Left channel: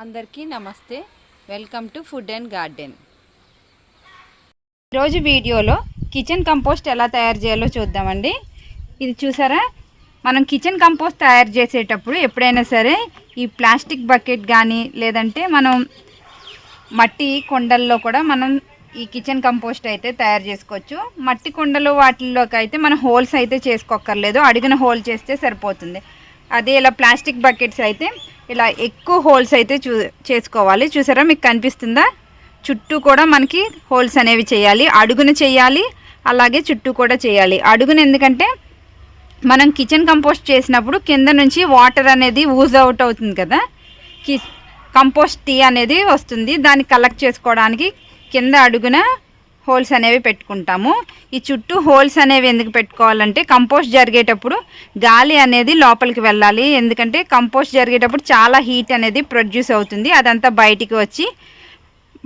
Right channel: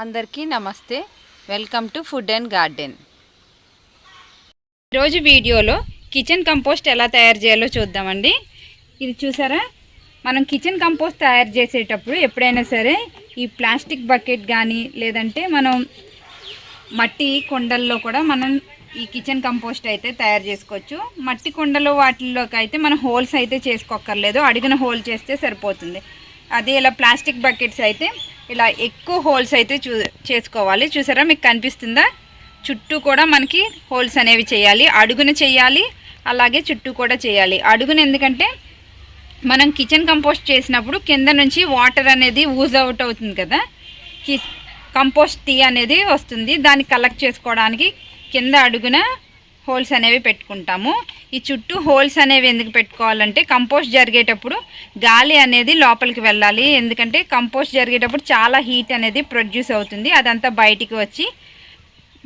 అందరికీ నమస్తే. Welcome to food and garden. ఈరోజు వీడియోలో కిచెన్ కంపోస్ట్ ఎలా తయారు చేయాలో చూద్దామండి. ఇది చూసారా? మనం కిచెన్ కంపోస్ట్ తయారు చేసేటప్పుడు ఎప్పుడైనా సరే ఈ ప్లాస్టిక్ బకెట్ కానీ లేదంటే మనం మట్టి కొండల్లో కూడా మనం ఈ కిచెన్ కంపోస్ట్ అయితే తయారు చేసుకోవచ్చు. మట్టి కొండలు వాటిల్లోకి అయితే మనం హోల్స్ అయితే చేసుకోక్కర్లేదు. అడిగిన హోల్ చేస్తే సరిపోతుంది. అదే ఇలా ప్లాస్టిక్ బకెట్స్ అయితే ఇలా ఎక్కువ హోల్స్ అయితే చూ చేసుకోవాలి. చూసారా మీకు కనిపిస్తుందా? చుట్టూ కూడా మనకి హోల్స్ అనేవి చేయాలి. అడుగున చేయాలి. అలాగే చుట్టూ కూడా చేయాలి. అడుగున ఎందుకంటే మనం కిచెన్ కంపోస్ట్ చేసినప్పుడు కింద నుంచి వాటర్ అనేది ఊజ్ అవుట్ అవుతుంది కదా. కి కంపోస్ట్ టీ అనేది వస్తుంది. దాన్ని కలెక్ట్ చేసుకోవడానికి కింద అడుగున హోల్స్ అనేవి పెట్టుకుంటాము. ఈ చుట్టూ హోల్స్ అనేవి ఎందుకు పెట్టుకోవాలంటే కంపోస్ట్ జరిగేటప్పుడు గాలి అనేది లోపలికి వెళ్ళాలి. ఎందుకంటే కంపోస్ట్ జరిగేటప్పుడు చాలా హీట్ అనేది ప్రొడ్యూస్ అవుతుంది. అదంతా బయటికి వచ్చి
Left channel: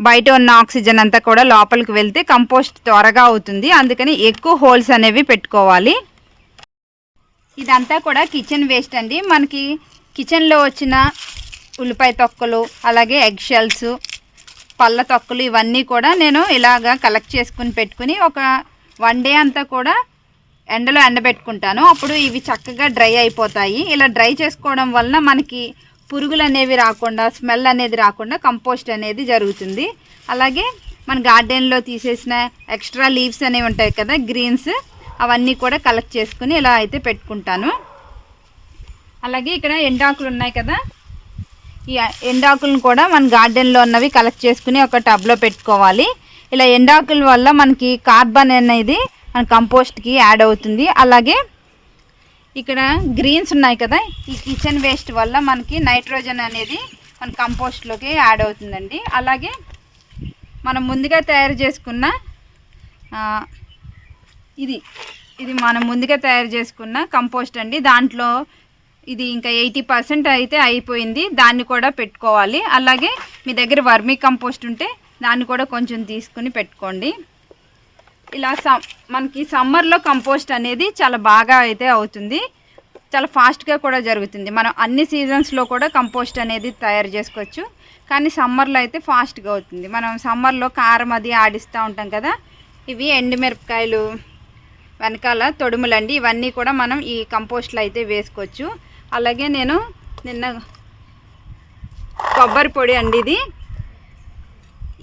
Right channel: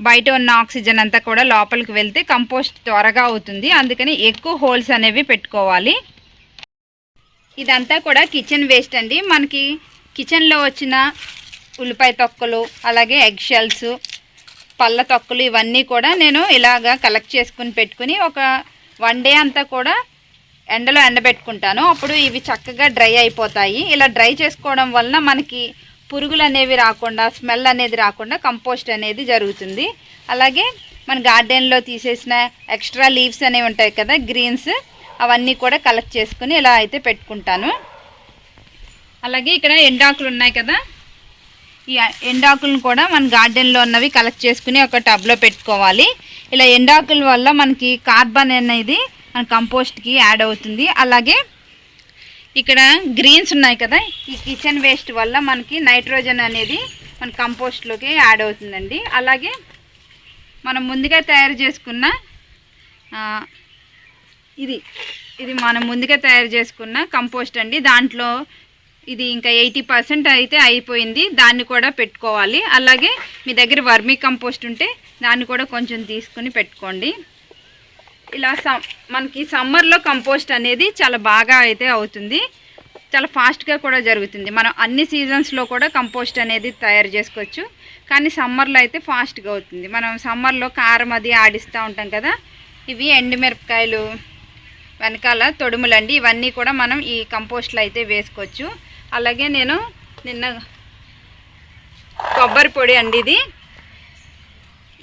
బయట ఉన్న ఆక్సిజన్ అంతా కూడా లోపలికి వెళ్తే కంపోస్ట్ త్వరగా అవుతుంది. అందుకని ఎక్కువ హోల్స్ అనేవి పెట్టుకోవాలి. ఇదంతా కూడా కిచెన్ వేస్ట్ అండి. మనకి కిచెన్లో వచ్చిన ఉల్లిపాయ తొక్కలు అలాగే ఎగ్ షెల్స్ పళ్ళ తొక్కలు ఇవన్నీ కూడా నేను ఇలాగా కలెక్ట్ చేసుకుని పెట్టుకుని ఒక వన్ డే అంతా కూడా ఎండలో ఎండబెట్టుకుంటాను. అప్పుడు ఇవి చక్కగా డ్రై అయిపోతాయి. ఇలా డ్రై చేసుకోవడం వలన మనకి పురుగులు అనేవి రాకుండా స్మెల్ అనేది రాకుండా కంపోస్ట్ అనేది జరుగుతుంది. అలాగే మన గార్డెన్లో తీసేసిన ఎక్స్ట్రా లీవ్స్ అనేవి ఉంటాయి కదా గ్రీన్స్ అవన్నీ కూడా కలెక్ట్ చేసుకుని ఇలా అయితే పెట్టుకుంటాను. అలాగే ఇక్కడ ఎండాకులు ఉన్నాయి కదా ఈ ఎండాకులను కూడా మన గార్డెన్లో ఉన్నవి కలెక్ట్ చేసుకుని ఒక టబ్లో పెట్టుకోవాలి. ఇలా ఎండాకుల వల్ల మనకి కార్బన్ అనేది మన కంపోస్ట్కి యాడ్ అవుతుంది. అలాగే ఇక్కడ గ్రీన్స్ ఉన్నాయి కదా ఈ కిచెన్ వేస్ట్ వల్ల మనకి నైట్రోజన్ అనేది మన కంపోస్ట్లోకి యాడ్ అవుతుందండి. అలాగే మనం ముందుగా తయారు చేసుకున్న ఇది ఇది మనం ముందుగా తయారు చేసుకున్న కంపోస్ట్ అండి. దాంట్లో ఇది ఇంకా ఎయిటీ పర్సెంట్ అయితే అయిపోయింది. దాన్ని కూడా పెట్టుకోవాలి. అలాగే మీ దగ్గర వర్మీ కంపోస్ట్ ఉంటే దాన్ని కూడా కొంచెం తీసుకుని పెట్టుకోండి. ఇలా సమ్ మనకి సమ్మర్లో కంపోస్ట్ అనేది చాలా బాగా అయితే అవుతుంది. చాలా ఫాస్ట్గా కూడా జరుగుతుంది. మనం అన్ని సీజన్స్లో కూడా కంపోస్ట్ అనేది తయారు చేసుకోవచ్చు. కానీ సమ్మర్లో అయితే ఫాస్ట్గా అవుతుంది. మనం సమ్మర్లో కారం అది ఆడిస్తూ ఉంటాం కదా ఇవి ఎండుమిరపకాయలు వెనకాల తొడుములండి ఇవన్నీ కూడా మనం ఈ కంపోస్ట్లో అయితే వేసుకోవచ్చు. అలాగే నేను నిన్న కొబ్బరి పొడి అండి ఇది.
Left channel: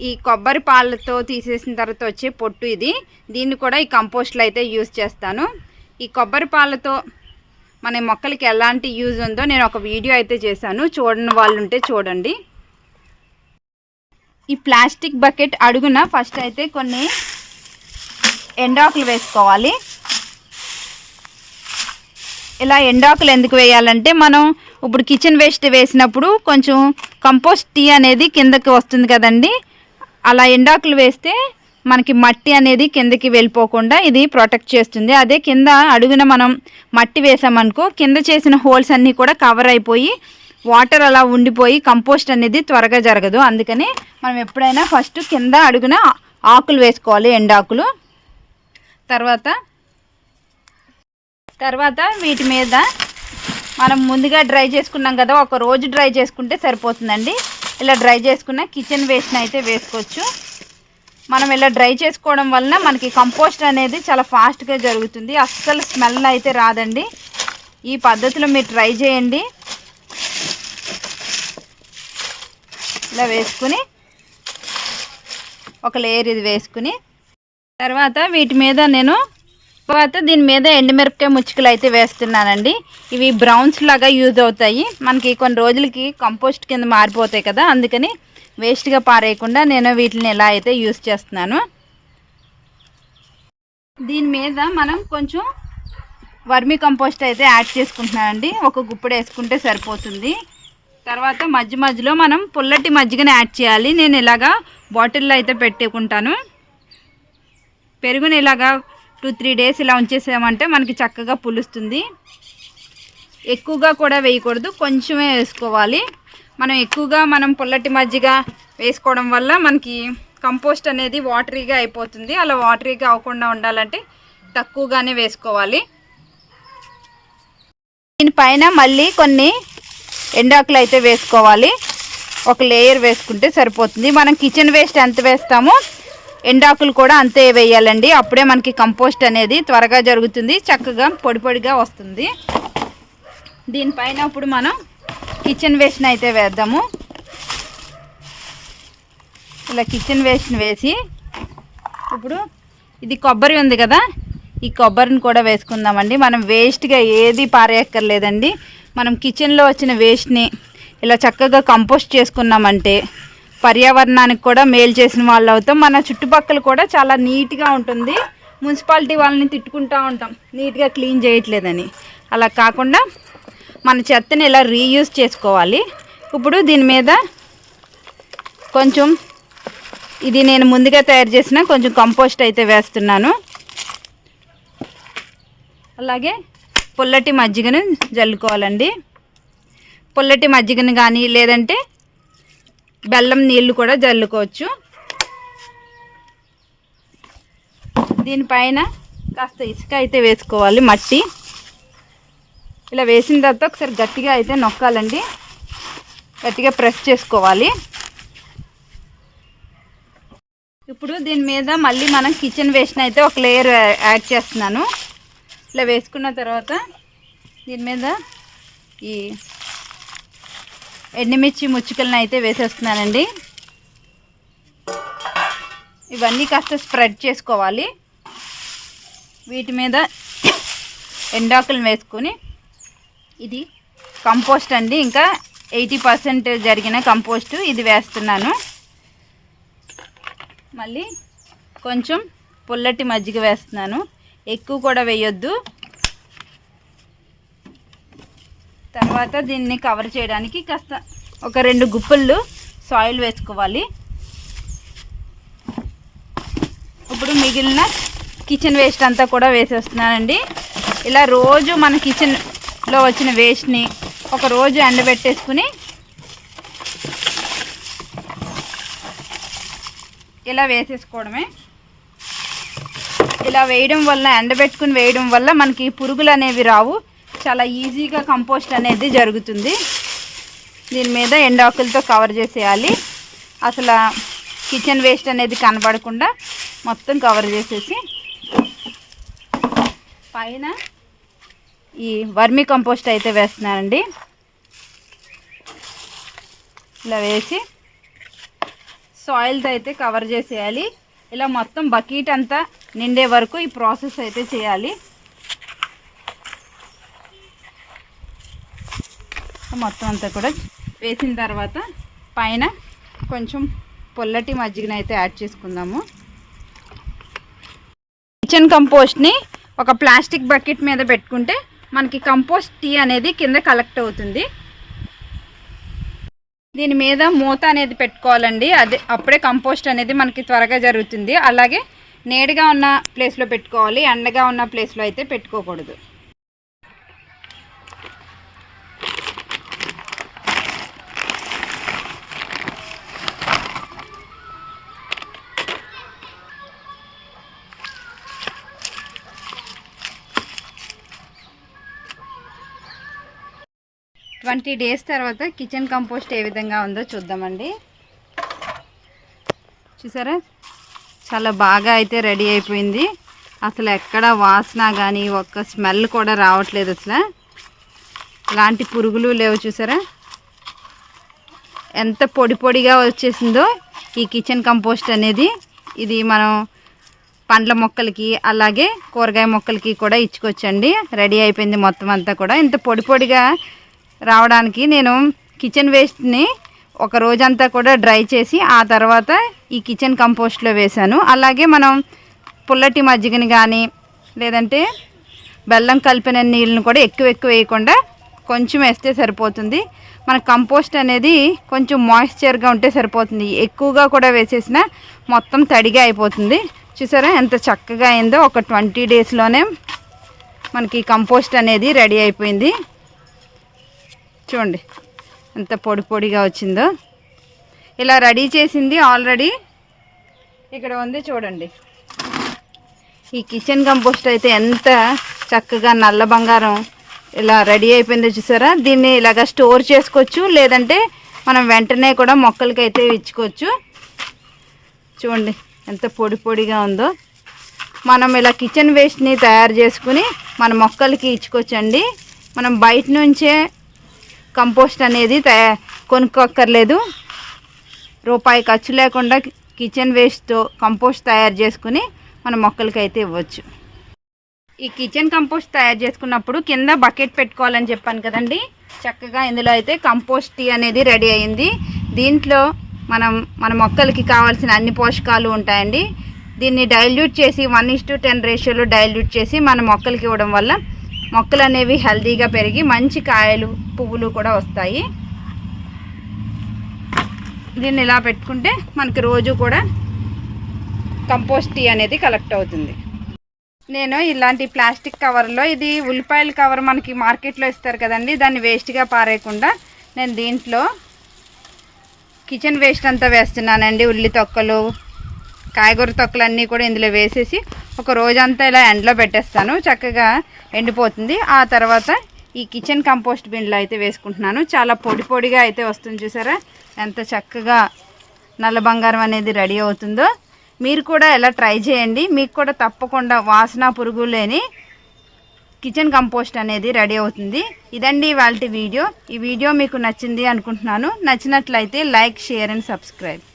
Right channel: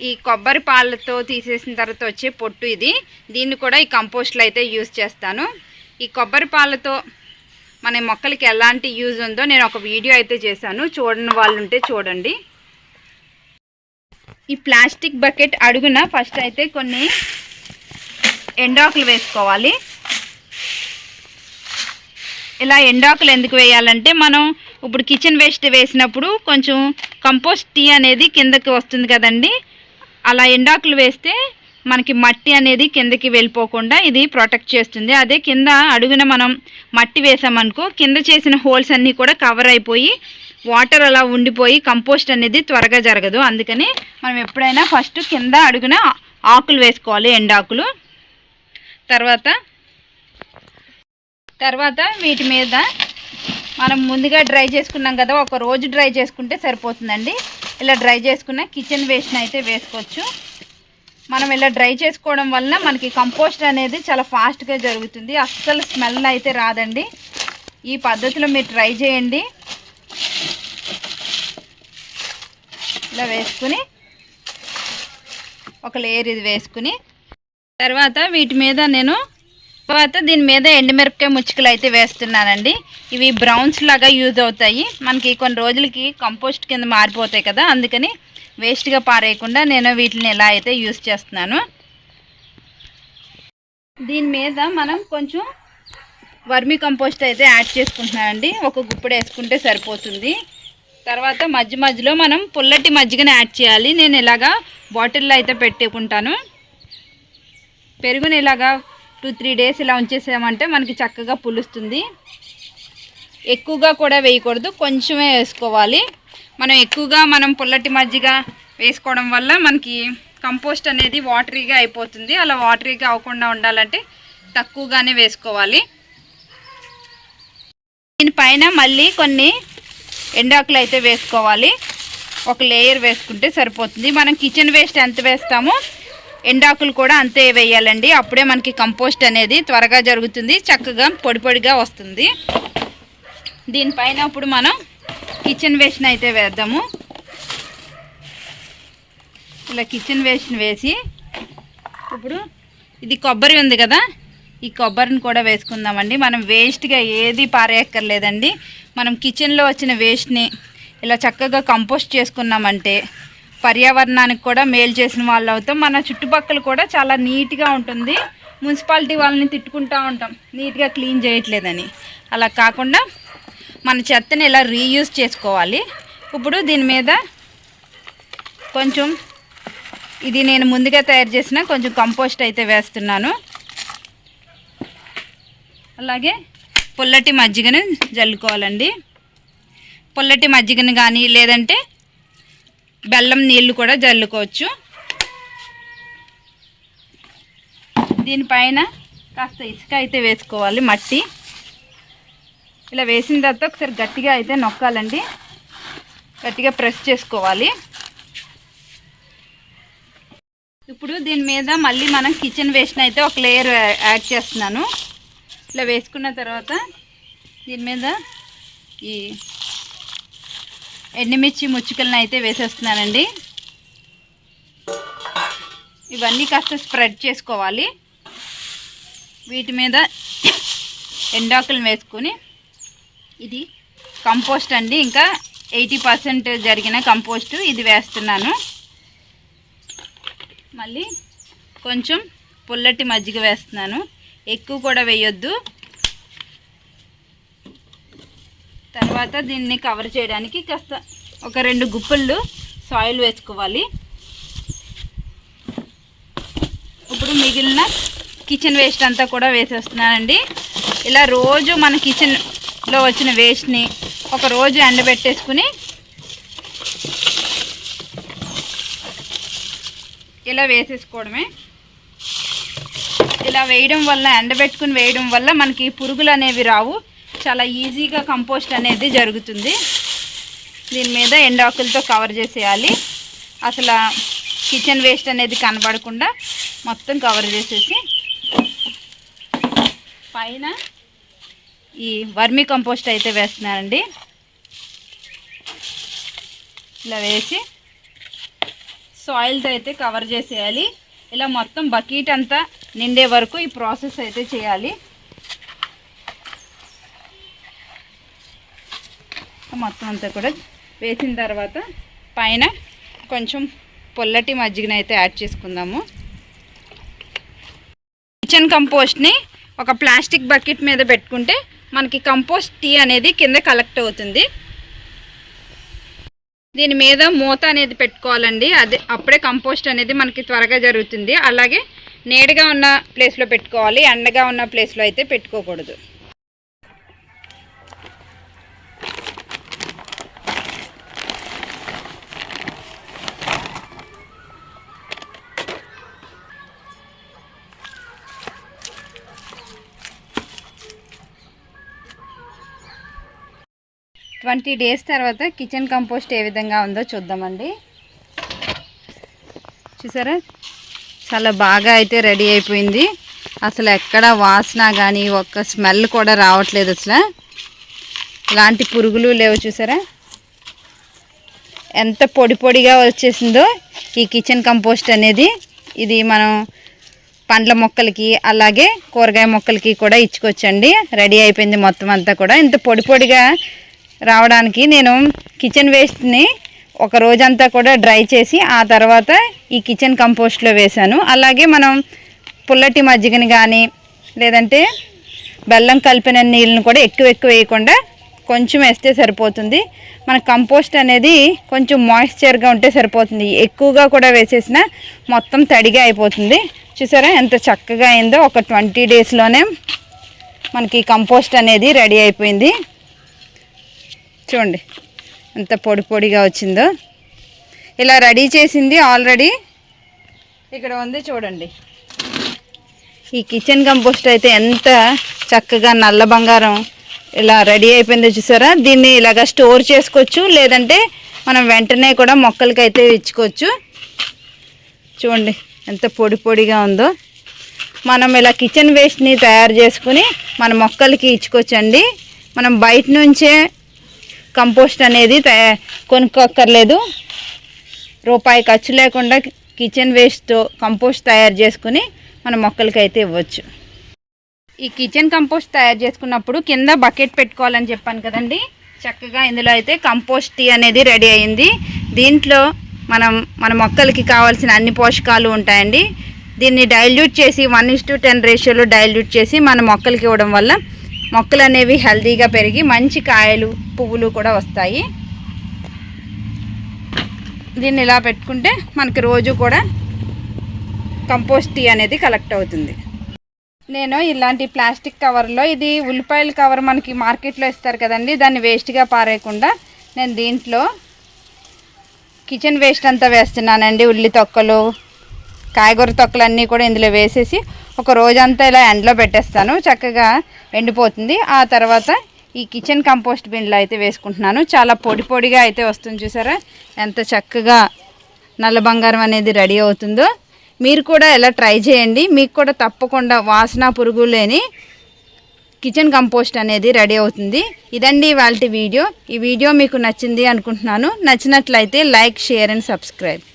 ఈ కొబ్బరి పాలతో తీసేసిన తర్వాత వచ్చే పొట్టు ఇది. దీన్ని కూడా ఈ కంపోస్ట్లో అయితే యూజ్ చేస్తాను. ఈ కొబ్బరి పాలతో మన మొక్కలకి ఎలాంటి యూజ్ ఉందో నేను ఒక వీడియో అయితే చేశాను. చూడని వాళ్ళు ఉంటే చూడండి. ఈ ప్లాస్టిక్ బకెట్ అడుగున ఫస్ట్ అయితే కొన్ని ఎండాకులు వేసుకోవాలి. ఇలా ఎండాకులు ఎందుకు వేయాలంటే మనం ఇప్పుడు కిచెన్ వేస్ట్ వేసినప్పుడు కొంచెం కంపోస్ట్ టీ అనేది కిందకి వస్తుంది కదండి. అలా ఎండాకులు వేస్తే మనకి మట్టి అనేది కిందకి వెళ్ళిపోకుండా ఇది ప్రొటెక్ట్ చేస్తుంది. అదే కింద అడుగున మనం మట్టి వేసామనుకో కింద చేసిన హోల్స్ అన్నీ కూడా కవర్ అయిపోయి వాటర్ అలా ఉండిపోయి కంపోస్ట్ అనేది త్వరగా జరగదు. అందుకని మనం ఎప్పుడైనా ఫస్ట్ కింద అడుగున ఆకులు వేసుకోవాలి ఎండాకులు. తర్వాత తర్వాత వీటి మీద మనం ముందుగా డ్రై చేసుకున్నాం కదా ఒక రోజు డ్రై చేసుకుంటే సరిపోతుందండి. ఇలా డ్రై చేసుకున్న కిచెన్ వేస్ట్ని అయితే వేసుకోవచ్చు. మనం ఇలా డ్రై చేసుకోవడం వలన మనకి కంపోస్ట్ అనేది చాలా ఫాస్ట్గా జరుగుతుంది. అస్సలు స్మెల్ అయితే రాదండి. ఈ పద్ధతిలో మీరు ట్రై చేయండి. ఇలా వేసుకుని ఒక లేయర్ ఇది వేసుకుని తర్వాత వీటి మీద నేను తర్వాత దీని మీద ఎండుమిరపకాయ ముచ్చుకలు అయితే వేస్తున్నానండి. ఇవి బ్రౌన్స్ లాగా యూజ్ అవుతాయి. మనకి కొన్ని రోజులకి కంపోస్ట్ కింద మారిపోతాయి కదా అందుకని వేస్ట్గా పారేయకుండా నేను వీటిని ఎలా అయితే యూజ్ చేస్తున్నాను. దీని మీద మనం కొంచెం వర్మి కంపోస్ట్ అయితే యాడ్ చేసుకుంటున్నామండి ఒక గుప్పుడు వేసుకుంటే సరిపోతుంది. తర్వాత మధ్య మధ్యలో మనం పుల్లటి మజ్జిగని యాడ్ చేయాలి. నేను ఇలాగా బాటిల్లో అయితే పెట్టుకుంటాను. పెరుగుని ఇలాగా టూ త్రీ డేస్ ఇలా ఉంచేసామంటే మనకి చక్కగా పులుస్తుంది. ఎక్కువగా కూడా వేయకూడదు కొంచెమే వేసుకోవాలి. మనం ఎక్కువగా మనం పుల్లటి మజ్జిగ వేసుకోవడం వల్ల మనకి కంపోస్ట్ అనేది వాటరీగా అయిపోతుంది. అలా వాటరీగా అవ్వకుండా ఉండాలంటే తక్కువగానే వేసుకోవాలి. దీనిపైన మళ్ళీ కొన్ని ఎండాకులు అయితే వేసుకోవాలి. ఒక లేయర్ వేసుకుంటే సరిపోతుంది. మనం కిచెన్ వేస్ట్ ఎంత వేస్తామో ఎండాకులు కూడా అంతే వేయాలండి. అప్పుడే మనకి కంపోస్ట్ అనేది త్వరగా జరుగుతుంది. చక్కగా పొడి పొడిగా వస్తుంది. దీనిపైన ఇప్పుడు మనం కిచెన్ వేస్ట్ని అయితే వేద్దాము. ఇలా కిచెన్ వేస్ట్ని వేసి ఇప్పుడు ఇది కొబ్బరి ఉంది కదా ఈ కొబ్బరిని కూడా వేసుకుందామండి. మనం వేస్ట్గా ఏది పారేయక్కర్లేదండి. మనం కిచెన్లో వచ్చిన వేస్ట్ని ఇలా చక్కగా కంపోస్ట్ చేసుకున్నామంటే పర్యావరణానికి కూడా మేలు చేసిన వాళ్ళు అవుతాం. మన చుట్టుపక్కల కూడా చాలా నీట్గా ఉంటుంది. మున్సిపాలిటీ వాళ్ళని తిట్టుకుంటూ ఉంటాం. నీట్గా క్లీన్ చేయట్లేదని. అలా కాకుండా మన చెత్తని ఇలా రీయూజ్ చేసుకోవాలి? ఇప్పుడు దీని మీద కొంచెం ఇది నేను ముందుగా తయారు చేసిన కొంచెం కంపోస్ట్ అయితే వేస్తున్నాను. అలాగే పుల్లటి మజ్జిగను జల్లుకోవాలండి. పుల్లటి మజ్జిగను కానీ లేదంటే బెల్లం నీళ్ళు కూడా జల్లుకోవచ్చు. దీనిపైన కాస్త ఇసుక అయితే వేసుకోవాలి మట్టి. ఇలా వేసిన తర్వాత ఒకసారి గట్టిగా అయితే నొక్కాలండి. గట్టిగా ప్రెస్ చేసుకోవాలి. ఇప్పుడు దీని మీద మళ్ళీ మనం కిచెన్ వేస్ట్ అయితే ఒక లేయర్ యాడ్ చేస్తున్నాను. ఇలా వేసుకున్న తర్వాత దీని మీద ఈ ఎండుమిర్చి ముచ్చుకలను అయితే వేసేస్తున్నానండి. ఇవన్నీ కాస్త స్ప్రెడ్ చేసుకోవాలి. వీటి మీద ఎండాకులను వేసుకొని ఇది కంపోస్ట్ అండి. ఇంకా ఎయిటీ పర్సెంట్ జరిగిన కంపోస్ట్ ఇది వేస్తున్నాను. మళ్ళీ కొంచెం పుల్లటి మజ్జిగ వేస్తున్నాను. ఎక్కువ కూడా వేయొద్దు. తర్వాత దీన్ని కవర్ చేయడానికి కాస్త ఒక రెండు గుప్పళ్ళు సాయిల్ వేసుకోవాలి. ఇప్పుడు మిగిలిన కిచెన్ వేస్ట్ అంతా కూడా వేసేస్తున్నానండి. ఇలా రోజు మన కిచెన్లో వచ్చిన వేస్ట్ని ఒక రోజు ఎండబెట్టేసుకుని ఇలా వేసేసుకోవడమే. ఇలా వేయడం వల్ల ఎండబెట్టుకుని వేయడం వల్ల మనకి పురుగులు అనేవి రావు. చాలా ఈజీగా కంపోస్ట్ అనేది జరుగుతుంది. దీని మీద ఎండాకులతో కవర్ చేసేయాలి. అసలు కిచెన్ వేస్ట్ అనేది కనబడకుండా మొత్తం కవర్ చేసేసి పైన ఈ వర్మి కంపోస్ట్ అయితే వేస్తున్నానండి. ఇలా వేసి సాయిల్తో అయితే కవర్ చేసేయాలి. ఇలా మొత్తం బకెట్ అంతా నిండే వరకు ఈ ప్రాసెస్ అయితే చేయాలి. మొత్తం అంతా కూడా వేసిన తర్వాత పైన కొంచెం పొల్లటి మజ్జిగనైతే అయితే యాడ్ చేసుకుందాము. కిచెన్ కంపోస్ట్ని ఒక ప్లాస్టిక్ బకెట్ మీద పెట్టుకుంటే మనకి కంపోస్ట్ టీ అనేది కింద కలెక్ట్ అవుతుంది. దీని మీద మూత అనేది పెట్టుకోవాలండి. అదే అప్పుడే కంపోస్ట్ అనేది మనకి త్వరగా జరుగుతుంది. అలాగే నేడుగా ఉన్న ప్లేస్లో పెట్టుకోవాలి. ఎండగా ఉన్న ప్లేస్లో అయితే పెట్టుకోకూడదు. ట్వంటీ డేస్ తర్వాత కిచెన్ కంపోస్ట్ ఏ విధంగా ఉందో చూద్దామండి. చూసారా? చాలా బాగా అయితే రెడీ అయిపోయింది. అసలు ఎక్కడ వాసన కానీ ఒక్క స్మెల్ కూడా రావట్లేదు అసలు. ఇలాంటి పురుగులు లేవు చూసారా? ఎంత పొడి పొడిగా వచ్చేసిందో ఈ కిచెన్ కంపోస్ట్ అనేది. ఇది మనం పండ్ల మొక్కలకి అలాగే కూరగాయ మొక్కలకి కూడా ఇచ్చుకోవచ్చండి. రెడీ అయిపోయింది మొత్తం అంతా కూడా. ఇంత పొడి పొడిగా రావడానికి నేను కిచెన్ వేస్ట్ని ఒక రోజంతా కూడా డ్రై చేసి ఆ తర్వాత ఈ కిచెన్ కంపోస్ట్లో వేశాను. అలాగే మనం పుల్లటి మజ్జిగని కానీ లేదంటే బెల్లం కలిపిన నీళ్ళని కూడా ఎక్కువ ఎక్కువ వేయకుండా కొంచెం వేస్తే సరిపోతుంది. మన కంపోస్ట్ అనేది కొంచెం మాయిశ్చర్గా ఉంటే సరిపోతుంది. ఎక్కువగా కూడా వేసేసిన మొత్తం తడిగా అయిపోతుంది. చూసారా ఎంత చక్కగా అయిందో. ఒక ట్వంటీ డేస్లోనే మనకి కంపోస్ట్ అనేది రెడీ అయిపోయింది. చూడండి ఎంత పొడి పొడిగా వచ్చిందో. ఇలా రెడీ చేసింది ఆల్రెడీ. ఇక్కడ ఉంది చూడండి. ఈ కిచెన్ కంపోస్ట్ అయితే ఎంత చక్కగా నల్ల బంగారం ఇలా రెడీ అయిపోయిందో చూసారా? దీన్ని ఇలాగ స్టోర్ చేసుకోవచ్చు లేదంటే మనం వెంటనే కూడా మొక్కలకి అయితే ఇచ్చుకోవచ్చు. చూడండి ఎంత పొడి పొడిగా ఉందో. మనం ఇలా కిచెన్ వేస్ట్ని తయారు చేసుకుని మన మొక్కలకి ఇచ్చుకోవచ్చండి. మనం బయట నుంచే కంపోస్ట్ అనేది కొనుక్కోక్కర్లేదు. రూపాయి ఖర్చు లేకుండా కిచెన్ వేస్ట్తో కంపోస్ట్ తయారు చేసుకుని మన మొక్కలకి అయితే ఇవ్వచ్చు. ఈ కిచెన్ కంపోస్ట్ తయారు చేసుకున్నప్పుడు కింద బకెట్ పెట్టుకోవాలని చెప్పాను కదండి. చక్కగా ఇందులో అయితే కంపోస్ట్ టీ అనేది రెడీ అయింది. దీంట్లో మనం మన మొక్కలకి కావాల్సిన అన్ని పోషకాలు ఉంటాయండి. దీన్ని డైల్యూట్ చేసి వన్ ఇస్ టు టెన్ రేషియోలో డైల్యూట్ చేసి మన మొక్కలకి ఇవ్వడం వల్ల మొక్కలు అనేవి హెల్తీగా పెరిగి మంచి కాయలు పువ్వులు కూడా వస్తాయి. దీన్ని ఇలా పెట్టుకుంటే మనకి రోజు కూడా కంపోస్ట్ టీ అనేది కలెక్ట్ అవుతుంది. నేను ఇలాంటి ప్లాస్టిక్ కవర్లో ఇది ఉల్లిపాయల కవర్ మనకి మార్కెట్లో ఇస్తారు కదండి దాన్ని వేస్ట్గా పారేయకుండా నేను దీంట్లో కిచెన్ వేస్ట్ అంతా వేస్తున్నానండి ఉల్లి తొక్కలు కాయగూర తొక్కలన్నీ కూడా ఇందులో వేసేసి ఒక రోజంతా ఇలా ఎండలో పెట్టేస్తాను. చక్కగా ఎండిపోతుంది. ఆ తర్వాత ఈ కిచెన్ కంపోస్ట్ బిన్లో అయితే వేసుకుంటున్నాను. చాలా పొడి పొడిగా అయితే వస్తుంది చూసారా? ఎంత చక్కగా నల్ల బంగారం అనేది రెడీ అవుతుందో. మీరు కూడా ఎలా ట్రై చేయండి. మీకు కూడా తప్పకుండా వాసన పురుగు లేని కిచెన్ కంపోస్ట్ అనేది రెడీ అవుతుంది. ఇదండి వాళ్ళ వీడియో. ఈ వీడియో మీకు నచ్చింది అనుకుంటున్నాను. నచ్చినట్లయితే లైక్ షేర్ అండ్ సబ్స్క్రైబ్.